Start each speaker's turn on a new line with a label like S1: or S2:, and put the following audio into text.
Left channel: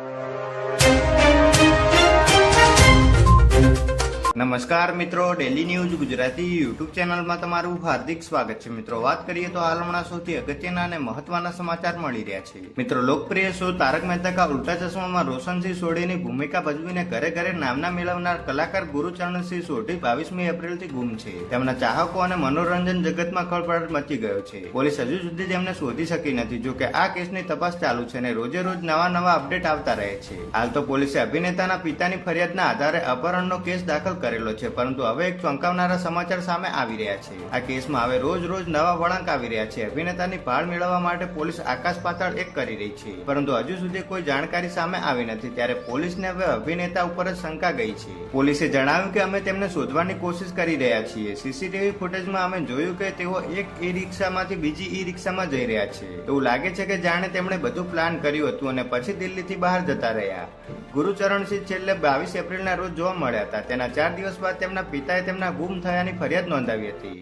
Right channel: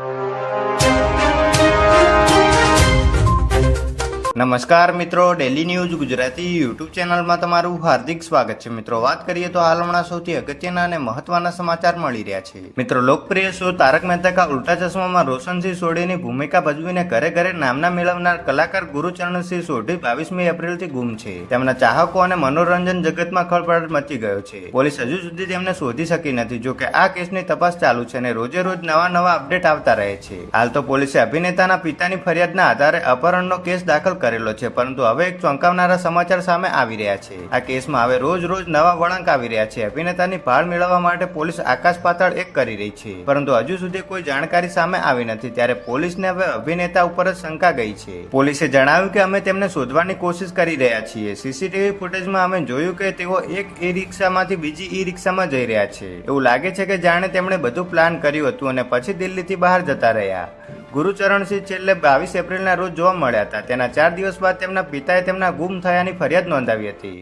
S1: you. નમસ્કાર મિત્રો daily news Gujarati YouTube ચેનલમાં તમારું હાર્દિક સ્વાગત છે. મિત્રો, વાત કરીએ તો હાલ હમણાં સૌથી અગત્યના અને મહત્વના સમાચાર મળી રહ્યા છે. મિત્રો, લોકપ્રિય શો તારક મહેતા કા ઉલ્ટા ચશ્મામાં રોશનસિંહ સોઢીની ભૂમિકા ભજવીને ઘરે ઘરે નામના મેળવનાર કલાકાર ગુરુચરણસિંહ સોઢી બાવીસમી એપ્રિલથી ગુમ છે. તેમના ચાહકો અને મનોરંજન જગતમાં ખળભળાટ મચી ગયો છે. પોલીસ હજુ સુધી તેમને શોધી શકી નથી. જો કે આ કેસની તપાસ ચાલુ છે અને રોજે રોજ નવા નવા અપડેટ આવતા રહે છે. હાલ તો પોલીસે અભિનેતાના પિતાની ફરિયાદના આધારે અપહરણનો કેસ દાખલ કરેલો છે. પરંતુ હવે એક ચોંકાવનારા સમાચાર સામે આવી રહ્યા છે. આ કેસમાં હવે રોજ રોજ નવા વળાંક આવી રહ્યા છે. અભિનેતાની ભાળ મેળવવા માટે પોલીસ આકાશ પાતાળ એક કરી રહી છે. પરંતુ હજુ સુધી કોઈ જાણકારી સામે આવી નથી. ત્યારે પોલીસને હવે અભિનેતા ઉપર જ શંકા ગઈ છે. પોલીસે જણાવ્યું કે અમે તેમને શોધવાની કોશિશ કરી રહ્યા છીએ. સીસીટીવી ફૂટેજમાં અમે જોયું કે તેઓ એક ઈ રિક્ષામાંથી બીજી ઈ રિક્ષામાં જઈ રહ્યા છે. એવું લાગે છે કે જાણે તેમણે બધું પ્લાન કર્યું હતું અને પછી દિલ્હીથી બહાર જતા રહ્યા. ગુરુચરણસિંહ છેલ્લે બાવીસ એપ્રિલના રોજ જોવા મળ્યા હતા. તેના ચાર દિવસ બાદ તેમના પિતાએ તેમના ગુમ થયાની ફરિયાદ નોંધાવી હતી.